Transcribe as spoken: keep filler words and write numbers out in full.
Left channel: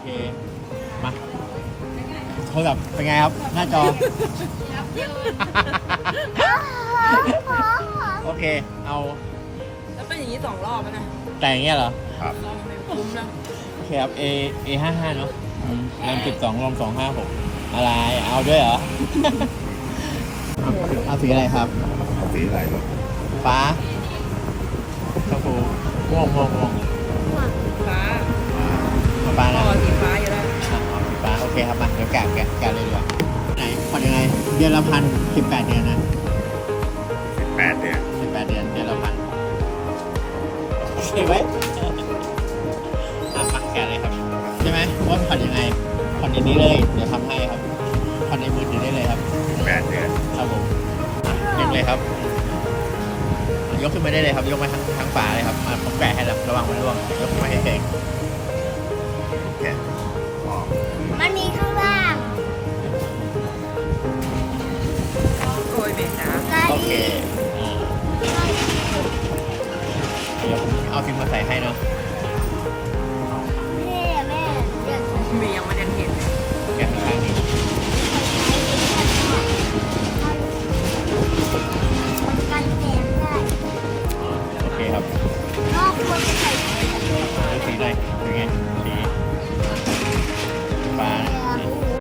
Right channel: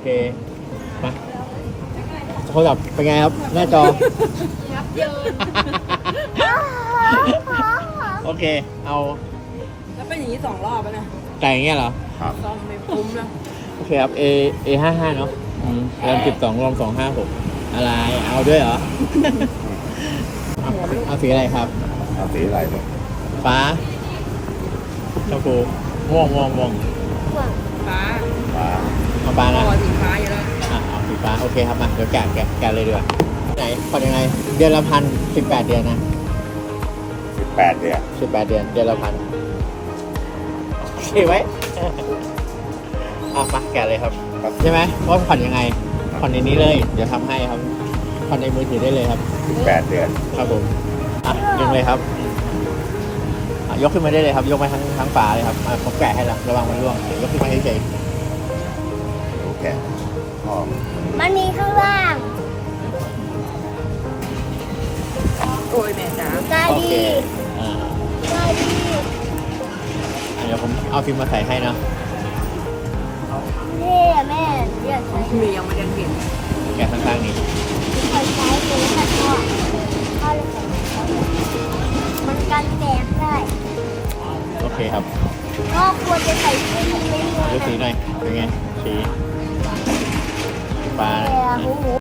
เคมาโทรศัพท์เป็นไงครับหน้าจอยับเยินโอเคเอาแล้วเป็นอย่างนี้สองรอบแล้วนะแต่อย่างเงี้ยเหรอลองไม่คุ้มนะโอเคครับ A A ห้าห้าเนาะอืมรวมสิบสองรวมสองห้าหกอะไรเอาด้วยเหรอ เอาเอาสีอะไรครับเอาสีอะไรเนี่ยฟ้าชมพูม่วงม่วงม่วงฟ้าฟ้าเอาฟ้าพนะอสีฟ้าอยู่แล้วอ่ะเอาสีฟ้าโอเคครับมาเดี๋ยวแกะแกะแกะเลยดีกว่าไหนผ่อนยังไงเดือนละพันสิบแปดเดือนนะสิบแปดเดือนสิบแปดเดือนเดือนละพันฉี่ไว้ เอามาแกะเลยครับใช่ไหมว่าผ่อนยังไงผ่อนในนี้เลยเดี๋ยวทำให้ครับผ่อนในมือถือได้เลยครับสิบแปดเดือนครับผมอ่ะยกเลยครับอ่ะยกขึ้นมาได้เลยครับ ยกมาทั้งทั้งฝาเลยครับอ่ะผมแกะให้แล้วระวังมันร่วง ยกขึ้นมาเฉยโอเคอ๋อมันมีข้างล่างโอ้ยแม่จ๋ากาๆโอดีเคอ่ากาดีเดี๋ยวผมเอาฟิล์มมาใส่ให้เนาะเท่อะแม่เดี๋ยวใช้มียังไม่ได้เห็นแกะข้างๆนี้ใช้ใช้เป็นขั้นตอนเข้าเลยมันกันแตกได้โอเคครับก็ควรจะใส่เสื้อของเล่นดูสีหน่อยเป็นไงสีฟ้าแต่นะหู